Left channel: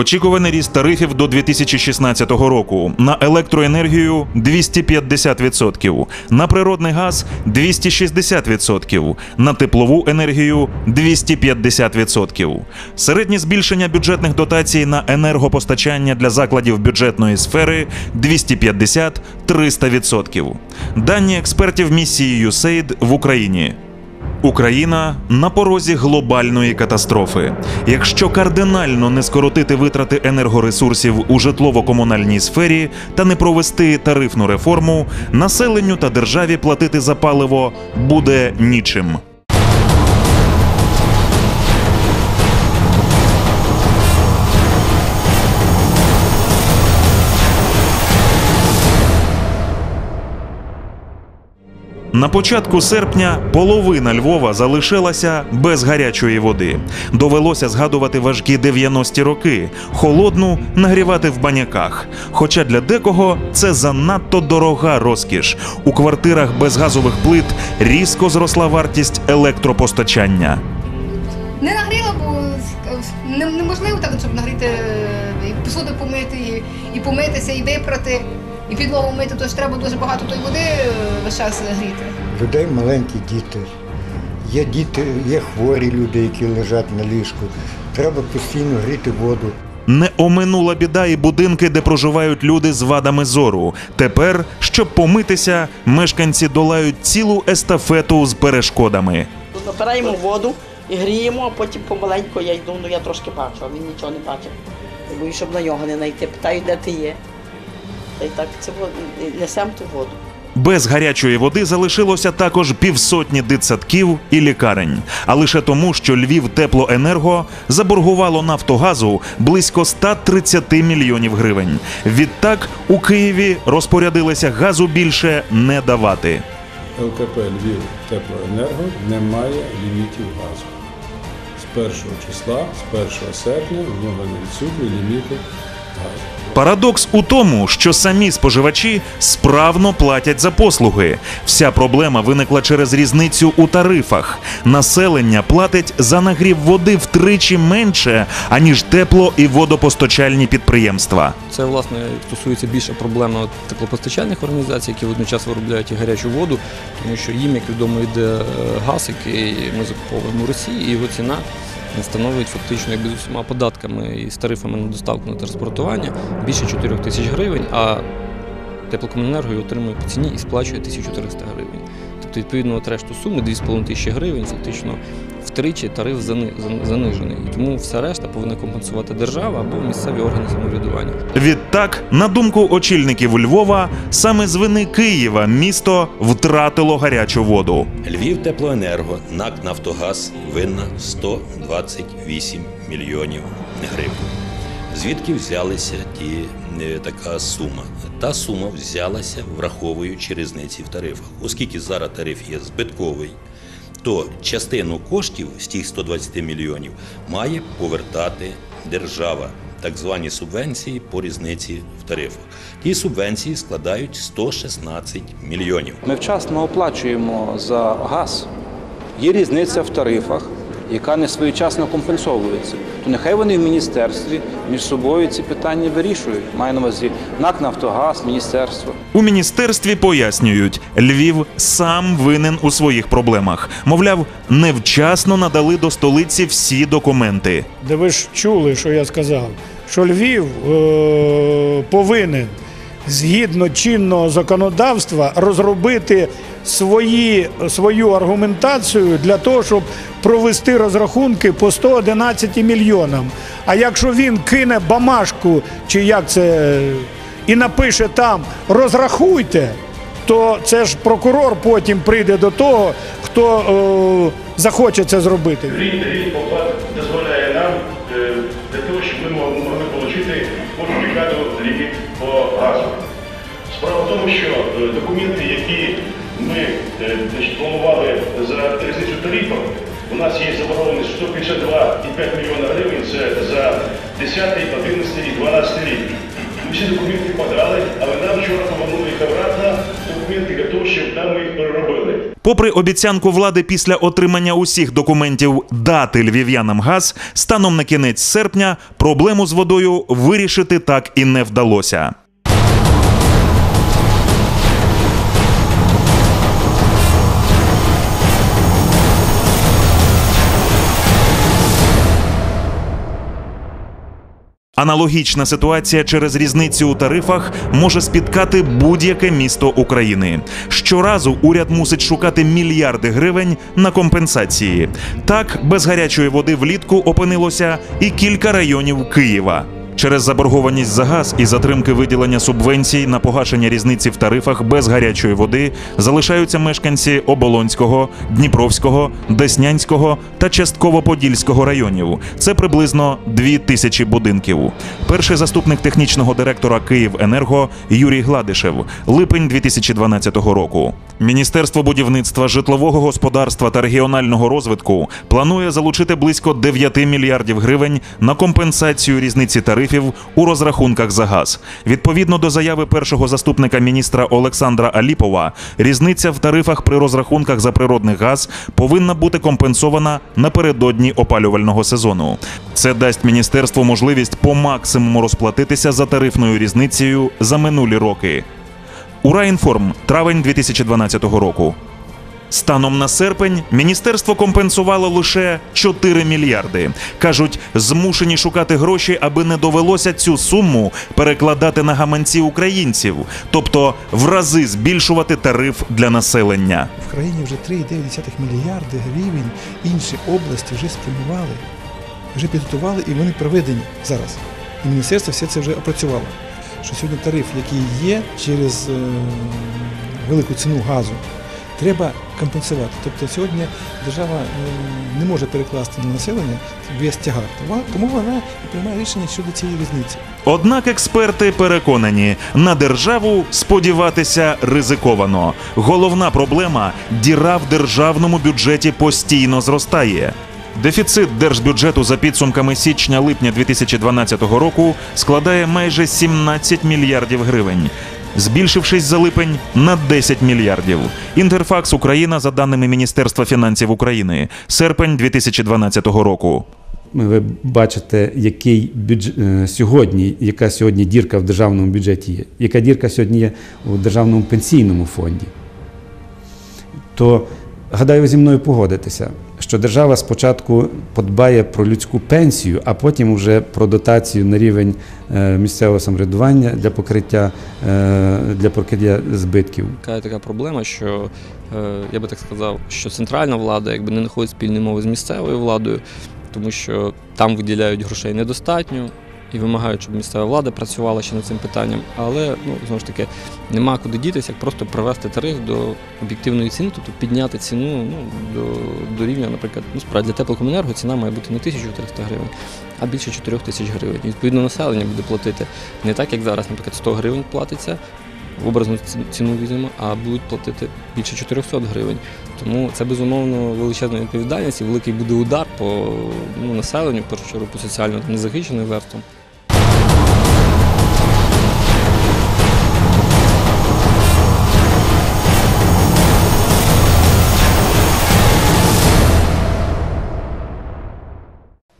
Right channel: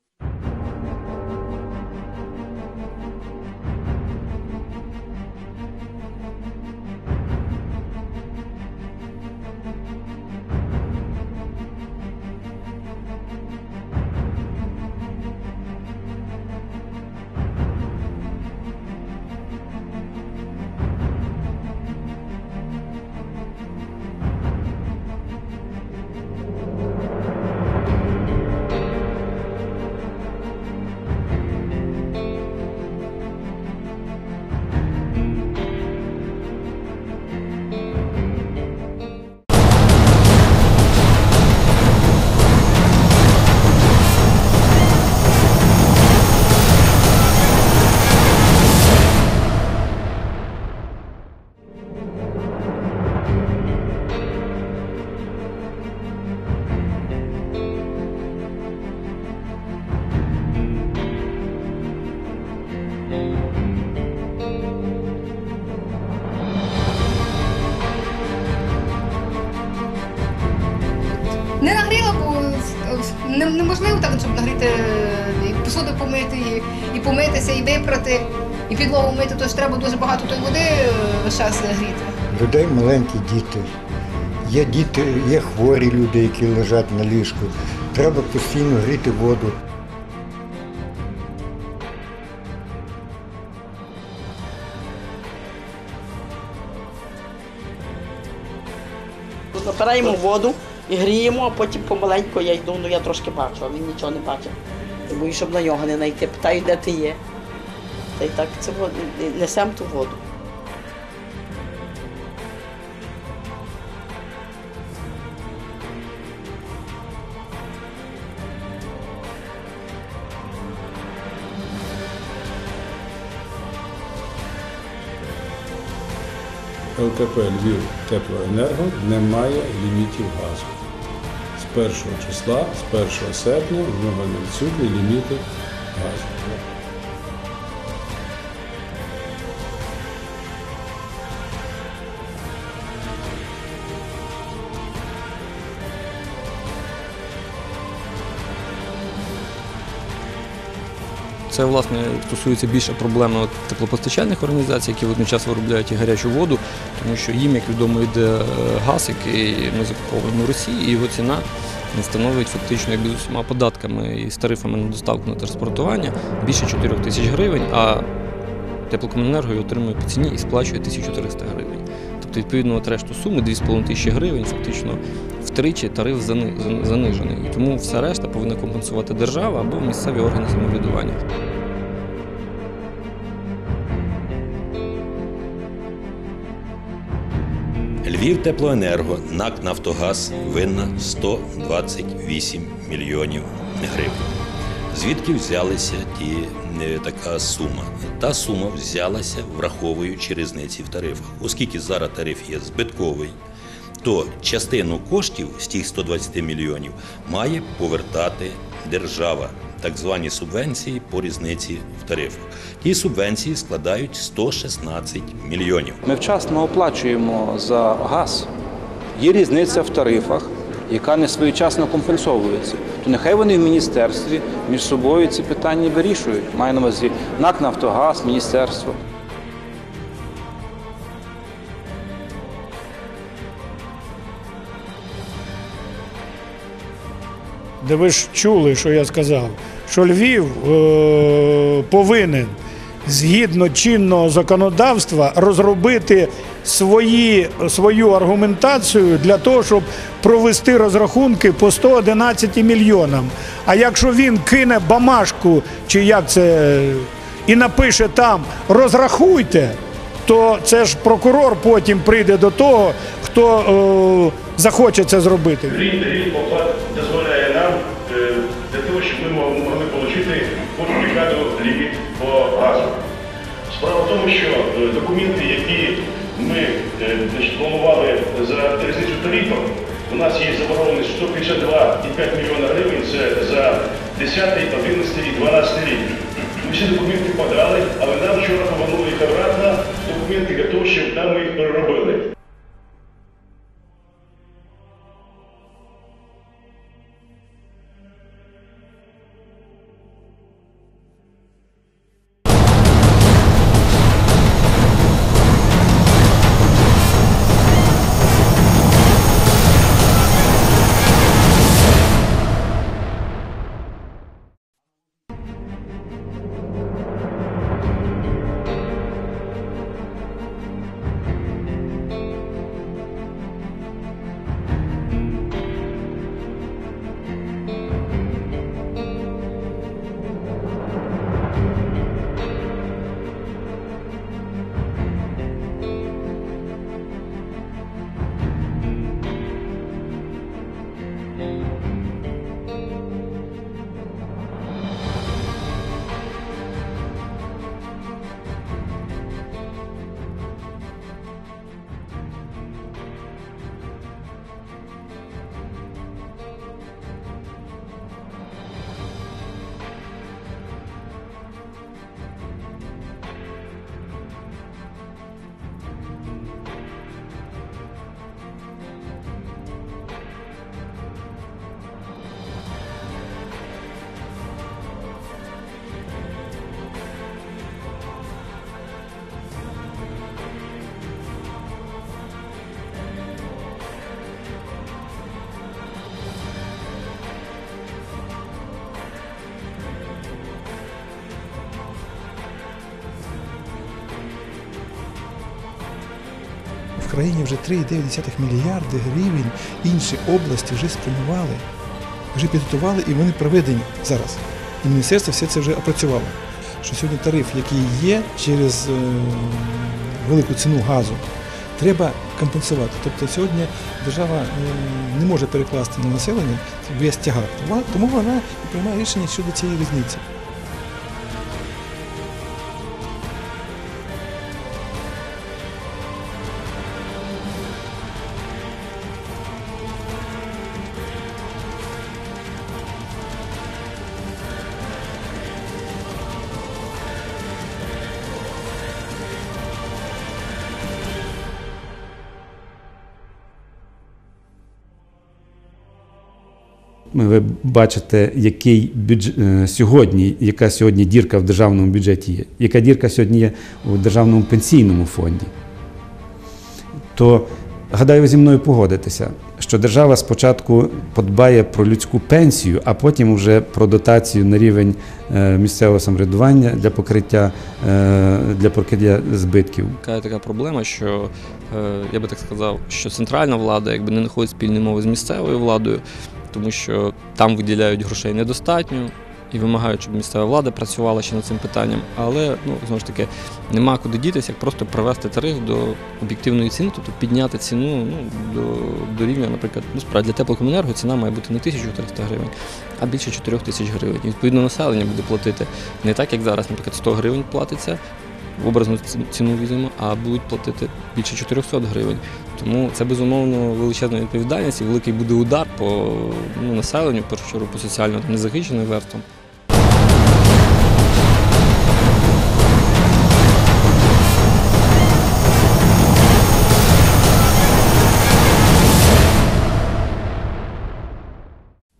Очікуваний ріст тарифів до 2016 року на електроенергію 250%, на природний газ 260%, на теплову енергію 250%. Середнє збільшення бюджетних дотацій на енергопостачання для закладів бюджетної сфери 250-300%. Дані експертів місії USAID в Україні. Україна на порозі глобальної катастрофи. Якщо кардинально не скоротити витрати енергоресурсів у житлово-комунальній сфері та не провести тарифну реформу, населенню та державі платити за паливо буде нічим. На початку серпня половина Львова залишилася без гарячої води. Довелося згадувати важкі 90-ті роки, холодну нагрівати в баняках. Хоча для декого це занадто дорога розкіш. У квартирах без газових плит різко зросла вартість електропостачання. Не нагріла, бо е, неможливо так, щоб нагріти е, і посуду помити, і, і помитися, і випрати, і підлогу мити, то ж треба дуже багато тої води е, весь час гріти. людей маленькі діти. Є діти, є хворі люди, які лежать на ліжку. Треба постійно гріти воду. Не оминула біда і будинки, де проживають люди з вадами зору. Тепер, щоб помитися, мешканці долають цілу естафету з перешкодами. Набираємо воду і гріємо, а потім помаленьку я йду, ну я трошки бачу, а він нічого не бачить. Я боюсь, щоб на нього не знайти. Питаю, де ти є. Та й так це несемо ту воду. Без гарячої води залишилося також півсотні дитсадків і лікарень. А лише тому, що Львів теплоенерго заборгувало Нафтогазу близько 130 мільйонів гривень. Відтак у Києві розпорядилися газу більше не давати. ЛКП Львів Теплоенерго не має лімітів газу. З 1 числа, з 1 серпня в нього не відсутні ліміти. Парадокс у тому, що самі споживачі справно платять за послуги. Вся проблема виникла через різницю у тарифах. Населення платить за нагрів води втричі менше, аніж тепло і водопостачальні підприємства. Це власне стосується більше проблеми теплопостачальних організацій, які водночас виробляють і гарячу воду, тому що їм, як відомо, йде е, газ, який ми закуповуємо у Росії, і його ціна становить фактично якби з усіма податками і з тарифами на доставку на транспортування більше 4 тисяч гривень. А теплокомуненерго отримує по ціні і сплачує 1300 гривень. Тобто, відповідно, от решту суми 2,5 тисячі гривень, фактично втричі тариф зани- занижений. І тому вся решта повинна компенсувати держава або місцеві органи самоврядування. Відтак, на думку очільників Львова, саме з вини Києва місто втратило гарячу воду. Львів Теплоенерго, НАК Нафтогаз винна 128 мільйонів гривень. Звідки взялися ті е, така сума? Та сума взялася, враховуючи різниці в тарифах. Оскільки зараз тариф є збитковий, то частину коштів з тих 120 мільйонів має повертати держава, так звані субвенції по різниці в тарифах. Ті субвенції складають 116 мільйонів. Ми вчасно оплачуємо за газ. Є різниця в тарифах, яка не своєчасно компенсовується. То нехай вони в міністерстві між собою ці питання вирішують. Маю на увазі НАК Нафтогаз, міністерство. У міністерстві пояснюють, Львів сам винен у своїх проблемах. Мовляв, невчасно надали до столиці всі документи. де ви ж чули, що я сказав, що Львів е, повинен згідно чинного законодавства розробити свої, свою аргументацію для того, щоб провести розрахунки по 111 мільйонам. А якщо він кине бамашку, чи як це, і напише там розрахуйте, то це ж прокурор потім прийде до того, хто е, захоче це зробити. Рік дозволяє нам е, для того, щоб ми могли тому, що е, документи, які ми е, планували за різницю тарифів, у нас є заборгованість 152,5 мільйона гривень це за 10, 11 і 12 рік. Ми всі документи подали, але нам вчора повернули їх обратно. документи того, щоб там їх переробили. Попри обіцянку влади після отримання усіх документів дати львів'янам газ, станом на кінець серпня проблему з водою вирішити так і не вдалося. Аналогічна ситуація через різницю у тарифах може спіткати будь-яке місто України. Щоразу уряд мусить шукати мільярди гривень на компенсації. Так, без гарячої води влітку опинилося і кілька районів Києва. Через заборгованість за газ і затримки виділення субвенцій на погашення різниці в тарифах без гарячої води залишаються мешканці Оболонського, Дніпровського, Деснянського та частково Подільського районів. Це приблизно дві тисячі будинків. Перший заступник технічного директора «Київенерго» Юрій Гладишев, липень 2012 року. Міністерство будівництва, житлового господарства та регіонального розвитку планує залучити близько 9 мільярдів гривень на компенсацію різниці тарифів у розрахунках за газ. Відповідно до заяви першого заступника міністра Олександра Аліпова, різниця в тарифах при розрахунках за природний газ повинна бути компенсована напередодні опалювального сезону. Це дасть міністерству можливість по максимуму розплатитися за тарифною різницею за минулі роки. Ураінформ, травень 2012 року. Станом на серпень міністерство компенсувало лише 4 мільярди. Кажуть, змушені шукати гроші, аби не довелося цю суму перекладати на гаманці українців, тобто в рази збільшувати тариф для населення. В країні вже 3,9 мільярди гривень інші області вже спрямували, вже підготували і вони проведені зараз. І міністерство все це вже опрацювало. Що сьогодні тариф, який є через е, велику ціну газу, треба компенсувати. Тобто сьогодні держава е, не може перекласти на населення весь тягар. Тому- вона і приймає рішення щодо цієї різниці. Однак експерти переконані, на державу сподіватися ризиковано. Головна проблема діра в державному бюджеті постійно зростає. Дефіцит держбюджету за підсумками січня-липня 2012 року складає майже 17 мільярдів гривень. Збільшившись за липень на 10 мільярдів. Інтерфакс Україна за даними Міністерства фінансів України, серпень 2012 року. Ви бачите, який бюдж... е, сьогодні, яка сьогодні дірка в державному бюджеті є, яка дірка сьогодні є у державному пенсійному фонді. То гадаю, зі мною погодитеся, що держава спочатку подбає про людську пенсію, а потім вже про дотацію на рівень е, місцевого самоврядування для покриття, е, для покриття збитків. Така така проблема, що е, я би так сказав, що центральна влада якби не знаходить спільної мови з місцевою владою, тому що там виділяють грошей недостатньо і вимагають, щоб місцева влада працювала ще над цим питанням. Але ну знову ж таки нема куди дітися, як просто привести тариф до об'єктивної ціни, тобто підняти ціну ну, до, до рівня, наприклад, ну справді для теплокомунерго ціна має бути не 1300 гривень, а більше 4 тисяч гривень. І відповідно населення буде платити не так, як зараз, наприклад, 100 гривень платиться в образну ці- ціну візьмемо, а будуть платити більше 400 гривень. Тому це безумовно величезна відповідальність і великий буде удар по ну, населенню, першу чергу по соціально незахищеним верствам.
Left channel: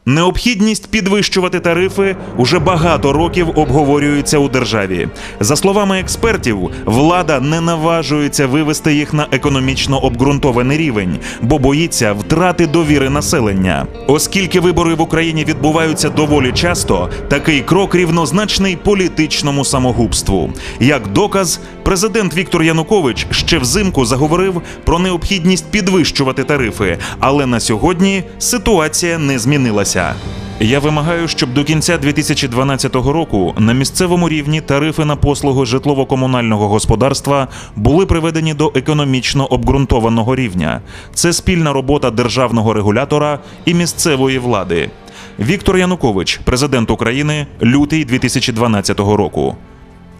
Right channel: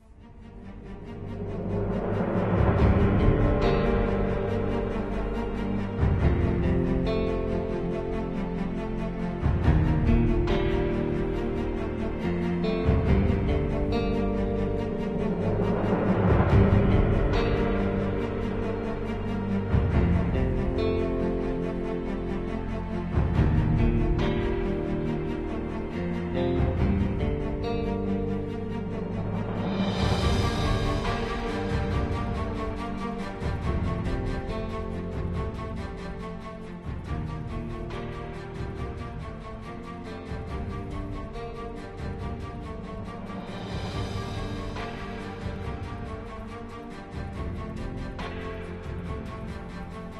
Необхідність підвищувати тарифи уже багато років обговорюється у державі. За словами експертів, влада не наважується вивести їх на економічно обґрунтований рівень, бо боїться втрати довіри населення. Оскільки вибори в Україні відбуваються доволі часто, такий крок рівнозначний політичному самогубству. Як доказ, президент Віктор Янукович ще взимку заговорив про необхідність підвищувати тарифи, але на сьогодні ситуація не змінилася. Я вимагаю, щоб до кінця 2012 року на місцевому рівні тарифи на послуги житлово-комунального господарства були приведені до економічно обґрунтованого рівня. Це спільна робота державного регулятора і місцевої влади. Віктор Янукович, президент України, лютий 2012 року.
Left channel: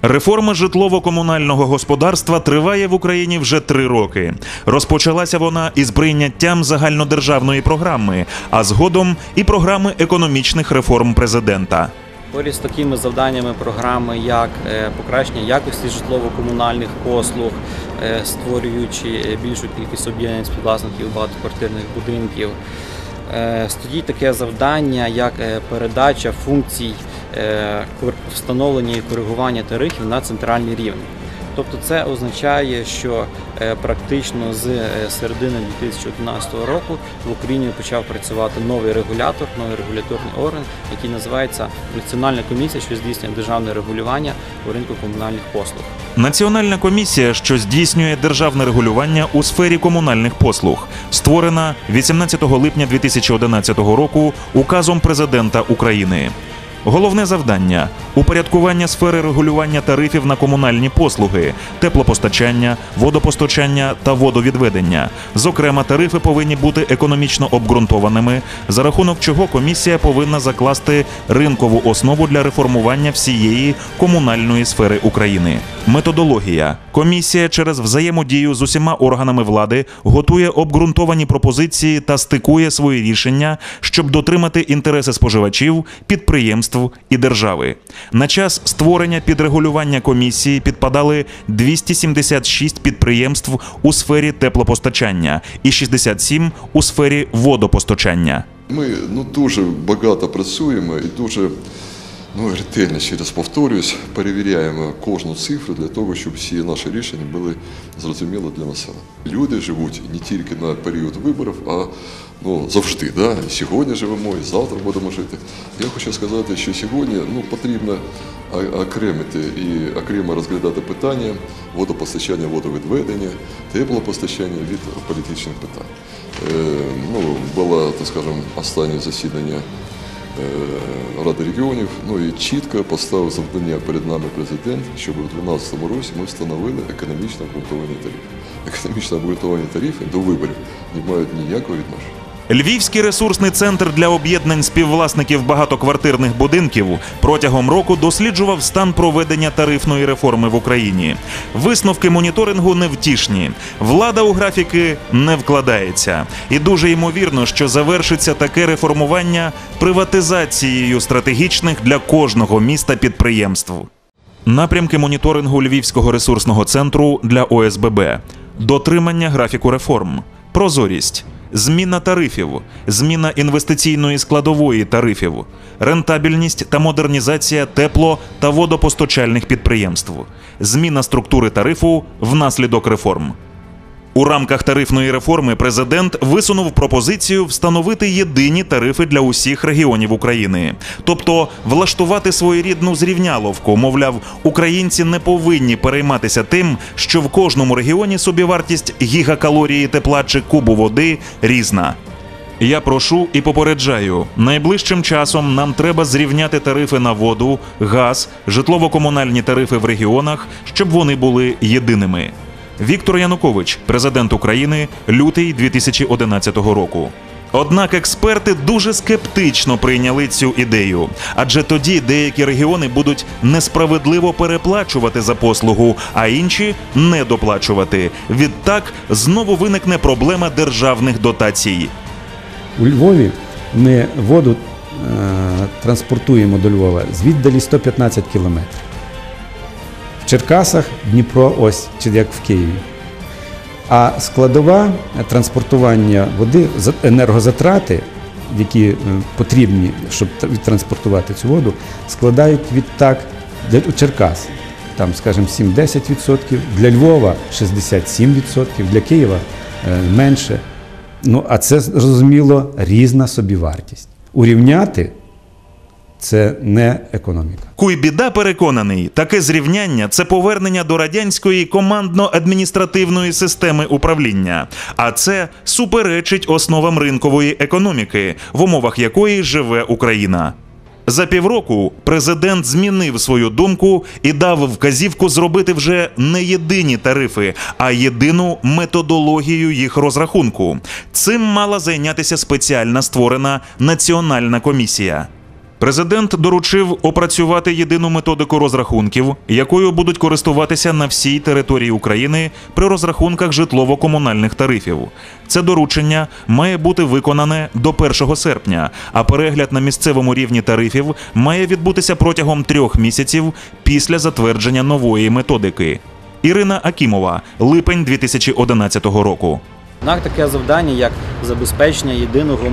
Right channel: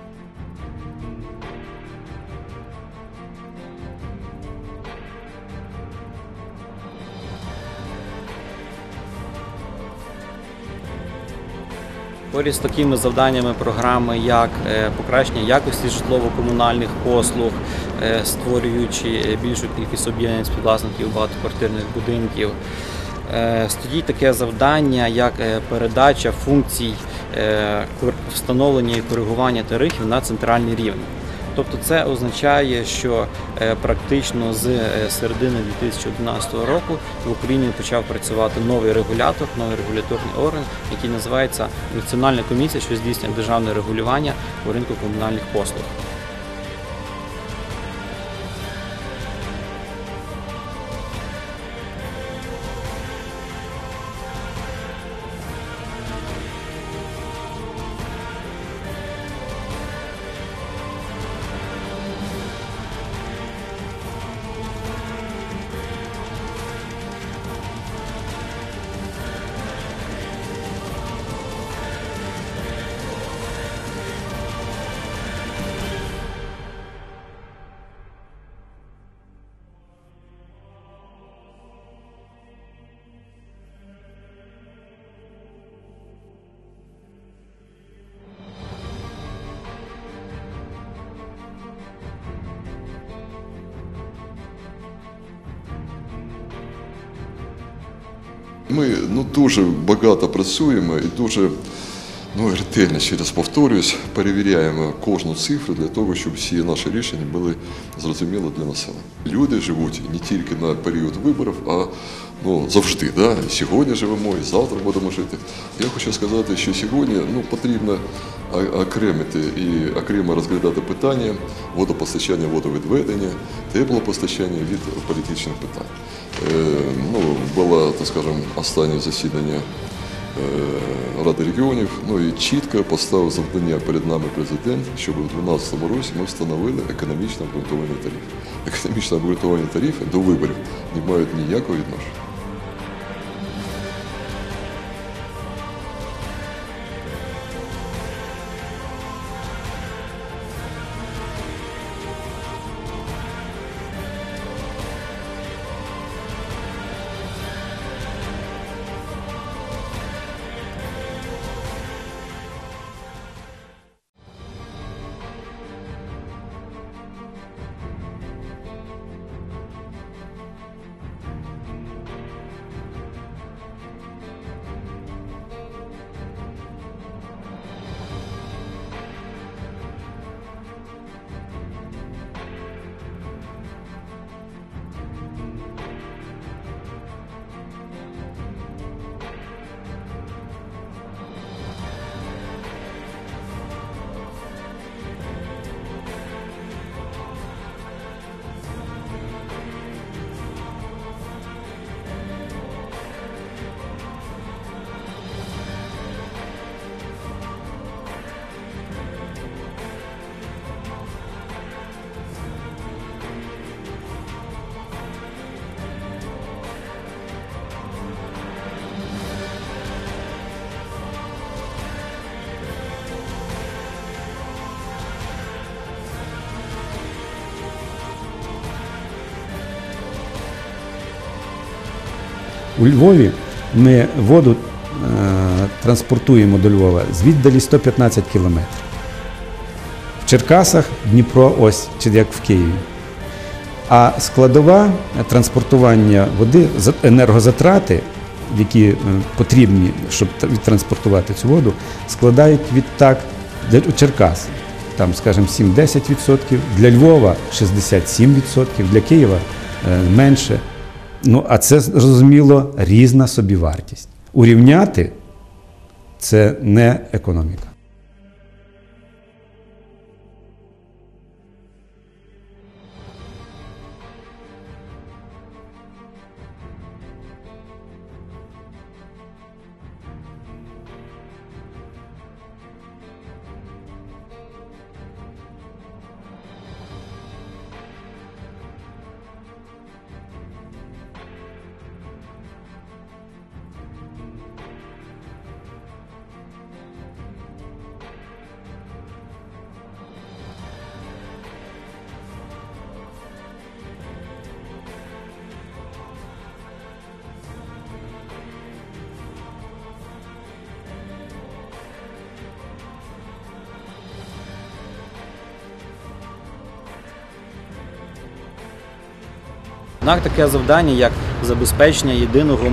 Реформа житлово-комунального господарства триває в Україні вже три роки. Розпочалася вона із прийняттям загальнодержавної програми, а згодом і програми економічних реформ президента. Поряд з такими завданнями програми, як е, покращення якості житлово-комунальних послуг, е, створюючи е, більшу кількість об'єднань співвласників багатоквартирних будинків. Е, Стоїть таке завдання, як е, передача функцій е, встановлення і коригування тарифів на центральний рівень. Тобто це означає, що е, практично з е, середини 2011 року в Україні почав працювати новий регулятор, новий регуляторний орган, який називається Національна комісія, що здійснює державне регулювання у ринку комунальних послуг. Національна комісія, що здійснює державне регулювання у сфері комунальних послуг, створена 18 липня 2011 року указом президента України. Головне завдання упорядкування сфери регулювання тарифів на комунальні послуги, теплопостачання, водопостачання та водовідведення. Зокрема, тарифи повинні бути економічно обґрунтованими, за рахунок чого комісія повинна закласти ринкову основу для реформування всієї комунальної сфери України. Методологія комісія через взаємодію з усіма органами влади готує обґрунтовані пропозиції та стикує свої рішення, щоб дотримати інтереси споживачів, підприємств і держави. На час створення підрегулювання комісії підпадали 276 підприємств у сфері теплопостачання і 67 у сфері водопостачання. Ми ну, дуже багато працюємо і дуже ну, ретельно, ще раз повторюсь, перевіряємо кожну цифру для того, щоб всі наші рішення були зрозумілі для населення. Люди живуть не тільки на період виборів, а ну, завжди. Да? Сьогодні живемо, і завтра будемо жити. Я хочу сказати, що сьогодні ну, потрібно окремити і окремо розглядати питання водопостачання, водовідведення, теплопостачання від політичних питань. Е, ну, було, так скажемо, останнє засідання Ради регіонів, ну і чітко поставив завдання перед нами президент, щоб у 2012 році ми встановили економічно обґрунтовані тариф. Економічно обґрунтовані тарифи до виборів не мають ніякого відношення. Львівський ресурсний центр для об'єднань співвласників багатоквартирних будинків протягом року досліджував стан проведення тарифної реформи в Україні. Висновки моніторингу невтішні. Влада у графіки не вкладається, і дуже ймовірно, що завершиться таке реформування приватизацією стратегічних для кожного міста підприємств. Напрямки моніторингу Львівського ресурсного центру для ОСББ, дотримання графіку реформ, прозорість, зміна тарифів, зміна інвестиційної складової тарифів, рентабельність та модернізація тепло та водопостачальних підприємств, зміна структури тарифу внаслідок реформ. У рамках тарифної реформи президент висунув пропозицію встановити єдині тарифи для усіх регіонів України, тобто влаштувати своєрідну зрівняловку. Мовляв, українці не повинні перейматися тим, що в кожному регіоні собівартість гігакалорії тепла чи кубу води різна. Я прошу і попереджаю, найближчим часом нам треба зрівняти тарифи на воду, газ, житлово-комунальні тарифи в регіонах, щоб вони були єдиними. Віктор Янукович, президент України, лютий 2011 року. Однак експерти дуже скептично прийняли цю ідею, адже тоді деякі регіони будуть несправедливо переплачувати за послугу, а інші недоплачувати. Відтак знову виникне проблема державних дотацій. У Львові ми воду е, транспортуємо до Львова з віддалі 115 кілометрів. Черкасах Дніпро ось, чи як в Києві. А складова е, транспортування води, за- енергозатрати, які е, потрібні, щоб відтранспортувати цю воду, складають відтак для Черкас. Там, скажімо, 7-10%, для Львова 67%, для Києва е, менше. Ну, а це зрозуміло різна собівартість. Урівняти це не економіка. Куйбіда переконаний, таке зрівняння це повернення до радянської командно-адміністративної системи управління, а це суперечить основам ринкової економіки, в умовах якої живе Україна. За півроку президент змінив свою думку і дав вказівку зробити вже не єдині тарифи, а єдину методологію їх розрахунку. Цим мала зайнятися спеціально створена національна комісія. Президент доручив опрацювати єдину методику розрахунків, якою будуть користуватися на всій території України при розрахунках житлово-комунальних тарифів. Це доручення має бути виконане до 1 серпня, а перегляд на місцевому рівні тарифів має відбутися протягом трьох місяців після затвердження нової методики. Ірина Акімова, липень 2011 року. Однак таке завдання, як забезпечення єдиного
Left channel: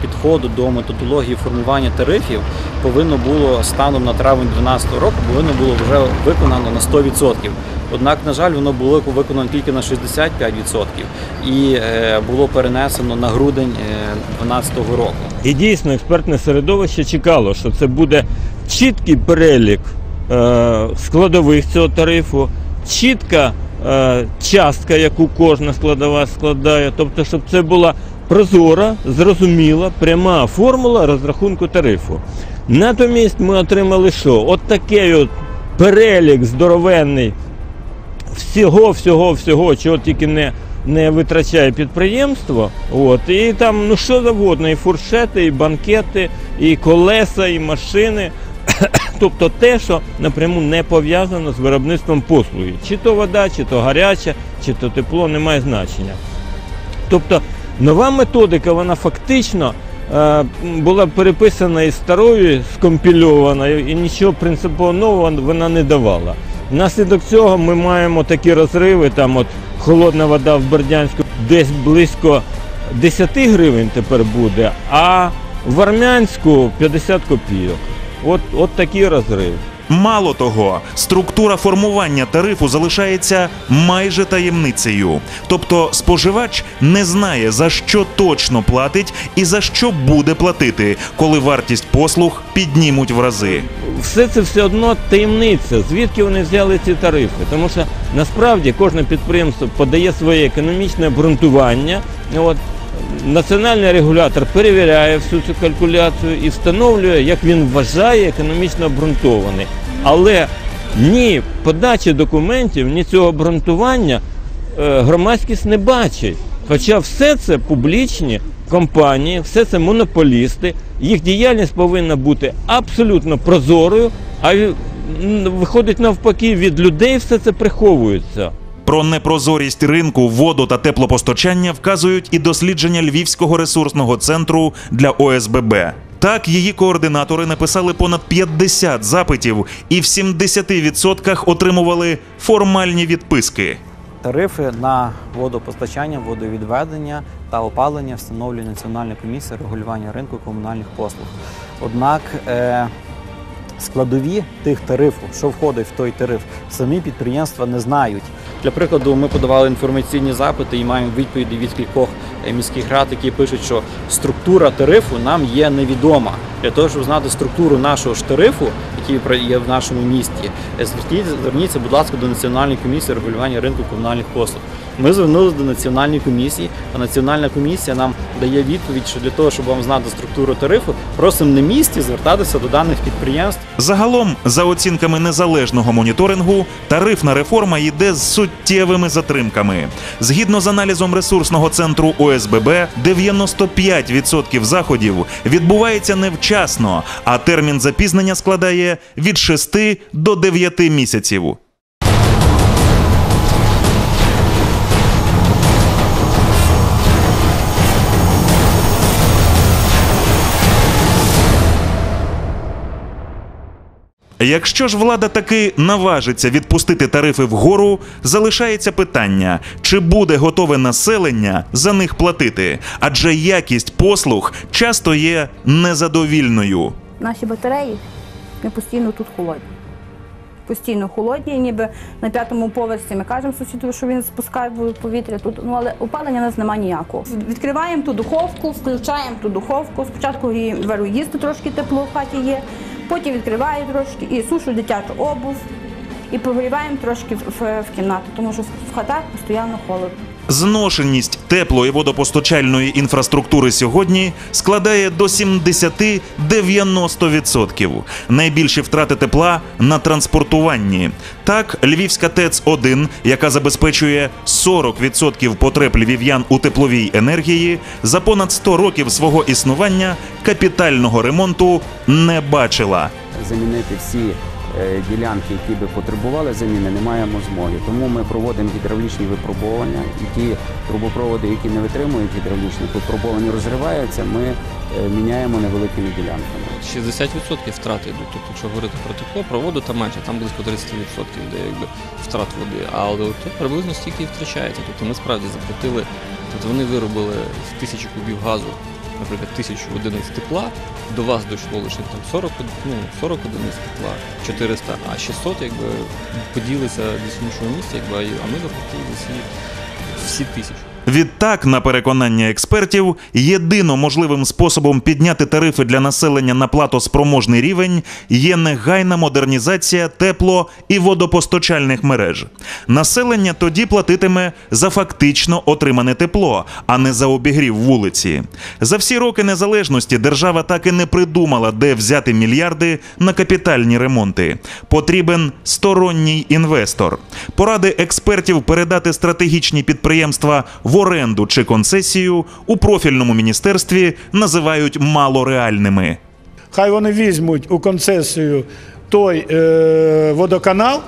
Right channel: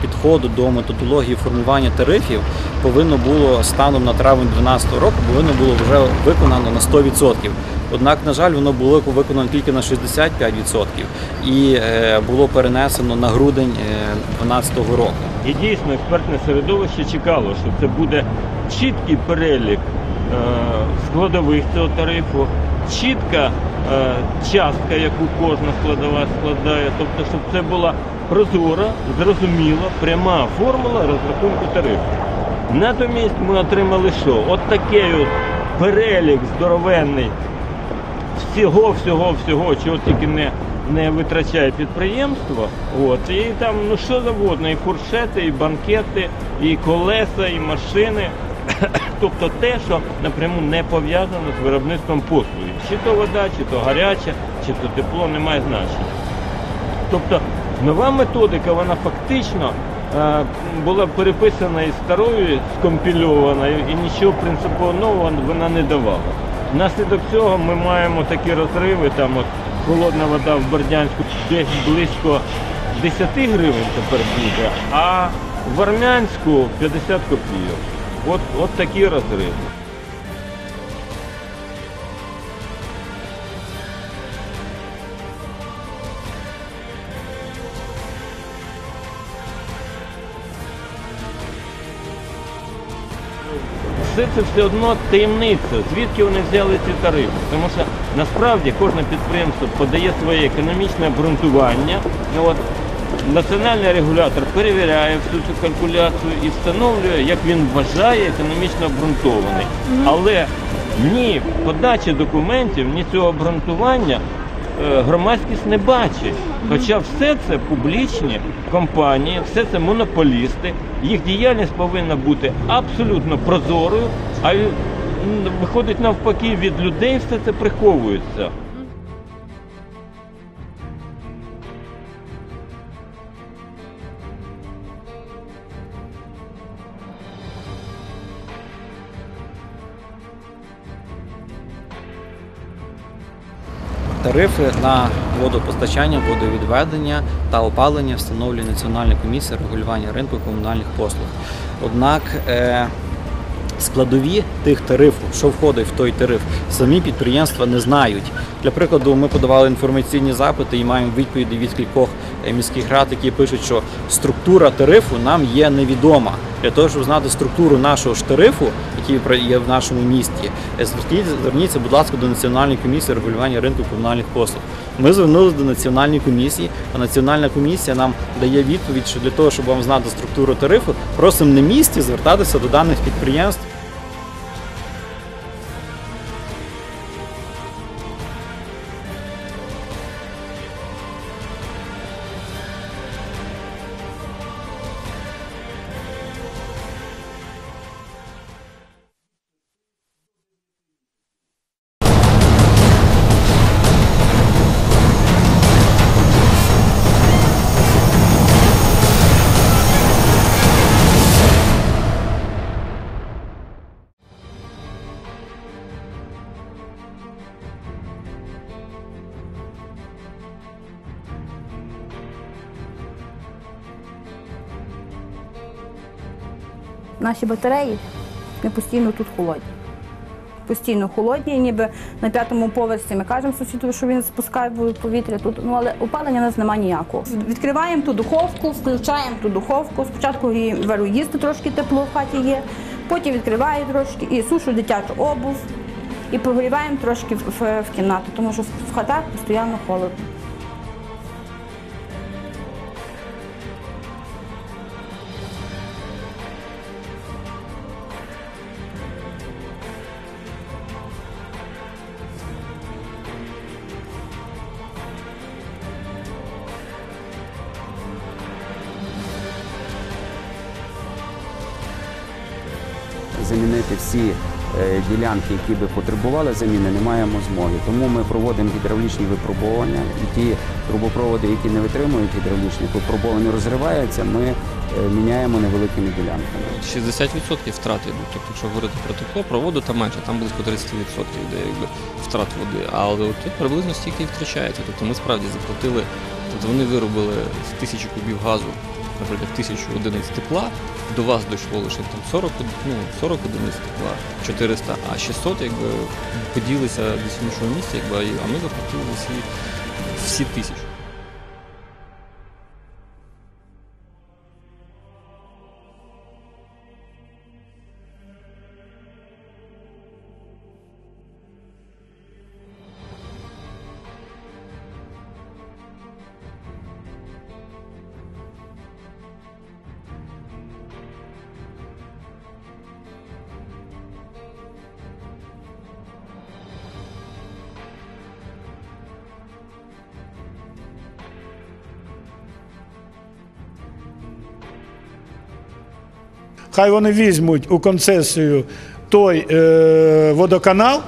підходу до методології формування тарифів, повинно було станом на травень 2012 року повинно було вже виконано на 100%. Однак, на жаль, воно було виконано тільки на 65% і е, було перенесено на грудень 2012 року. І дійсно експертне середовище чекало, що це буде чіткий перелік е, складових цього тарифу, чітка е, частка, яку кожна складова складає. Тобто, щоб це була прозора, зрозуміла, пряма формула розрахунку тарифу. Натомість ми отримали що? От такий от перелік здоровенний всього, всього, всього, чого тільки не, не витрачає підприємство. От, і там ну що завгодно, і фуршети, і банкети, і колеса, і машини. Тобто те, що напряму не пов'язано з виробництвом послуги. Чи то вода, чи то гаряча, чи то тепло, не має значення. Тобто нова методика, вона фактично е, була переписана із старою, скомпільована, і нічого принципово нового вона не давала. Внаслідок цього ми маємо такі розриви, там от холодна вода в Бердянську десь близько 10 гривень тепер буде, а в Армянську 50 копійок. От, от такі розриви. Мало того, структура формування тарифу залишається майже таємницею. Тобто споживач не знає, за що точно платить і за що буде платити, коли вартість послуг піднімуть в рази. Все це все одно таємниця, звідки вони взяли ці тарифи. Тому що насправді кожне підприємство подає своє економічне обґрунтування. От, Національний регулятор перевіряє всю цю калькуляцію і встановлює, як він вважає, економічно обґрунтований. Але ні подачі документів, ні цього обґрунтування е, громадськість не бачить. Хоча все це публічні компанії, все це монополісти, їх діяльність повинна бути абсолютно прозорою, а виходить навпаки, від людей все це приховується. Про непрозорість ринку воду та теплопостачання вказують і дослідження Львівського ресурсного центру для ОСББ. Так, її координатори написали понад 50 запитів і в 70% отримували формальні відписки. Тарифи на водопостачання, водовідведення та опалення встановлює Національна комісія регулювання ринку комунальних послуг. Однак е, складові тих тарифів, що входить в той тариф, самі підприємства не знають. Для прикладу, ми подавали інформаційні запити і маємо відповіді від кількох е, міських рад, які пишуть, що структура тарифу нам є невідома. Для того, щоб знати структуру нашого ж тарифу, який є в нашому місті, е, зверніться, зверніться, будь ласка, до Національної комісії регулювання ринку комунальних послуг. Ми звернулися до національної комісії, а національна комісія нам дає відповідь, що для того, щоб вам знати структуру тарифу, просимо на місці звертатися до даних підприємств. Загалом, за оцінками незалежного моніторингу, тарифна реформа йде з суттєвими затримками. Згідно з аналізом ресурсного центру ОСББ, 95% заходів відбувається невчасно, а термін запізнення складає від 6 до 9 місяців. Якщо ж влада таки наважиться відпустити тарифи вгору, залишається питання, чи буде готове населення за них платити, адже якість послуг часто є незадовільною. Наші батареї ми постійно тут холодні. Постійно холодні, ніби на п'ятому поверсі ми кажемо сусіду, що він спускає повітря тут. Ну але опалення нас немає ніякого. Відкриваємо ту духовку, включаємо ту духовку. Спочатку її беру їсти трошки тепло в хаті є, потім відкриваю трошки і сушу дитячу обув. І прогріваємо трошки в кімнату, тому що в хатах постійно холодно. Зношеність тепло- і водопостачальної інфраструктури сьогодні складає до 70-90%. Найбільші втрати тепла на транспортуванні. Так, Львівська ТЕЦ-1, яка забезпечує 40% потреб львів'ян у тепловій енергії, за понад 100 років свого існування капітального ремонту не бачила. замінити всі ділянки, які би потребували заміни, не маємо змоги. Тому ми проводимо гідравлічні випробування, і ті трубопроводи, які не витримують гідравлічних випробувань, розриваються, ми е, міняємо невеликими ділянками. 60% втрати йдуть. Тобто, якщо говорити про тепло, про воду там менше, там близько 30% де якби втрат води. Але тут приблизно стільки і втрачається. Тобто ми справді заплатили, тобто вони виробили тисячі кубів газу, наприклад, тисячу одиниць тепла. До вас дійшло лише там 40, ну, 40 одиниць тепла, 400, а 600 якби поділися десь іншого місця, якби, а ми заплатили всі, всі тисячі. Відтак, на переконання експертів, єдино можливим способом підняти тарифи для населення на платоспроможний рівень є негайна модернізація тепло- і водопостачальних мереж. Населення тоді платитиме за фактично отримане тепло, а не за обігрів вулиці. За всі роки незалежності держава так і не придумала, де взяти мільярди на капітальні ремонти. Потрібен сторонній інвестор. Поради експертів передати стратегічні підприємства оренду чи концесію у профільному міністерстві називають малореальними. Хай вони візьмуть у концесію той е, водоканал,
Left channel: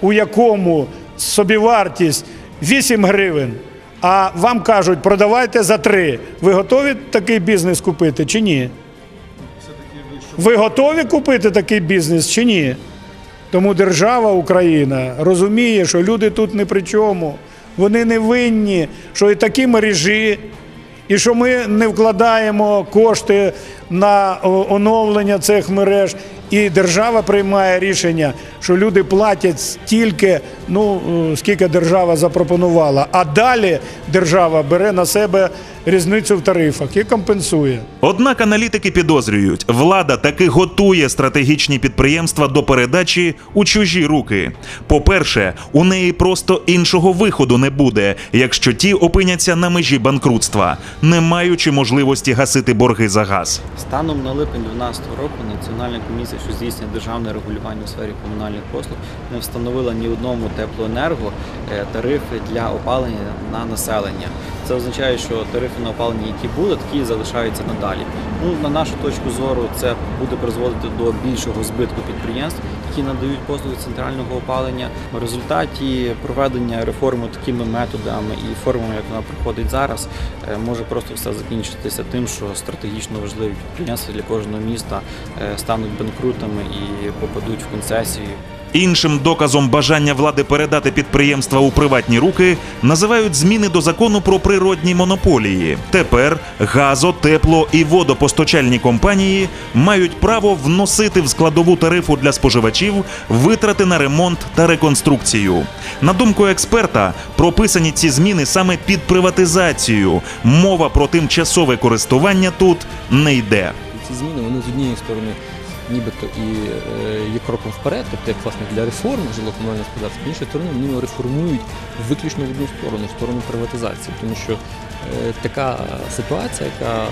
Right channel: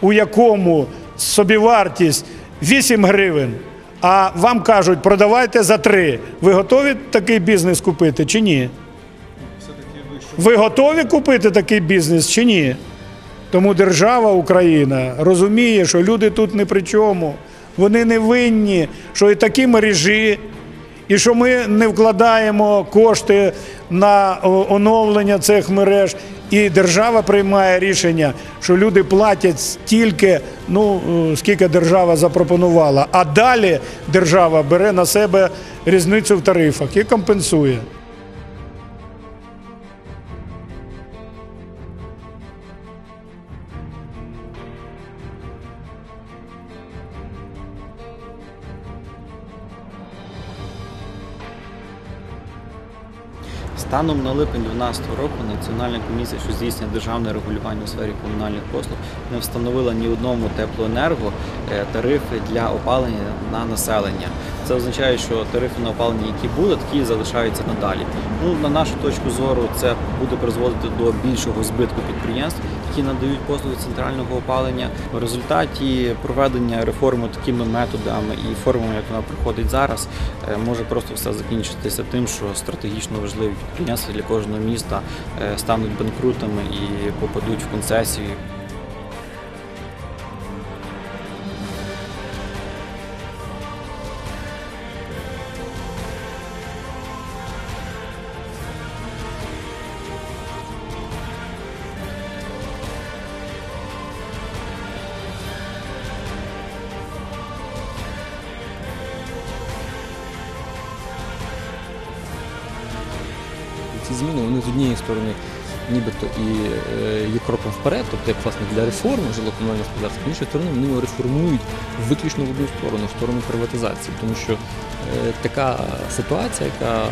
у якому собівартість 8 гривень, а вам кажуть, продавайте за 3. Ви готові такий бізнес купити чи ні? Ви готові купити такий бізнес чи ні? Тому держава Україна розуміє, що люди тут не при чому. Вони не винні, що і такі мережі, і що ми не вкладаємо кошти на оновлення цих мереж. І держава приймає рішення, що люди платять стільки, ну е, скільки держава запропонувала. А далі держава бере на себе різницю в тарифах і компенсує. Однак аналітики підозрюють, влада таки готує стратегічні підприємства до передачі у чужі руки. По-перше, у неї просто іншого виходу не буде, якщо ті опиняться на межі банкрутства, не маючи можливості гасити борги за газ. Станом на липень 2012 року Національна комісія, що здійснює державне регулювання у сфері комунальних послуг, не встановила ні одному теплоенерго е, тарифи для опалення на населення. Це означає, що тарифи на опалення, які були, такі залишаються надалі. Ну на нашу точку зору, це буде призводити до більшого збитку підприємств, які надають послуги центрального опалення. В результаті проведення реформи такими методами і формами, як вона проходить зараз, е, може просто все закінчитися тим, що стратегічно важливі підприємства для кожного міста е, стануть банкрутами і попадуть в концесії. Іншим доказом бажання влади передати підприємства у приватні руки називають зміни до закону про природні монополії. Тепер газо, тепло і водопостачальні компанії мають право вносити в складову тарифу для споживачів витрати на ремонт та реконструкцію. На думку експерта, прописані ці зміни саме під приватизацію. Мова про тимчасове користування тут не йде. Ці зміни вони з однієї сторони нібито і е, є кроком вперед, тобто як власне для реформи жилокомунального господарства, з іншої сторони вони його реформують виключно в одну сторону, в сторону приватизації. Тому що така ситуація, яка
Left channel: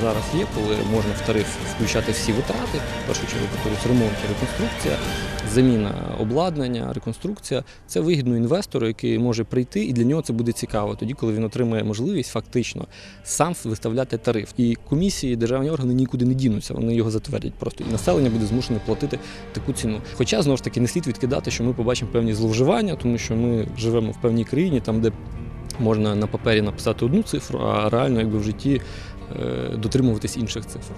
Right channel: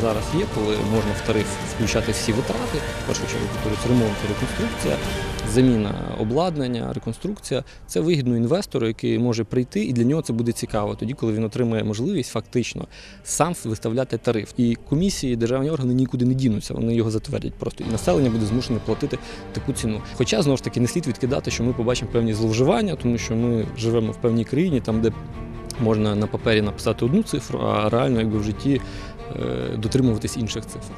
зараз є, коли можна в тариф включати всі витрати, в першу чергу повторюсь, ремонт і реконструкція, заміна обладнання, реконструкція, це вигідно інвестору, який може прийти, і для нього це буде цікаво, тоді, коли він отримає можливість фактично сам виставляти тариф. І комісії, державні органи нікуди не дінуться, вони його затвердять просто. І населення буде змушене платити таку ціну. Хоча знову ж таки не слід відкидати, що ми побачимо певні зловживання, тому що ми живемо в певній країні, там де можна на папері написати одну цифру, а реально якби в житті е, дотримуватись інших цифр.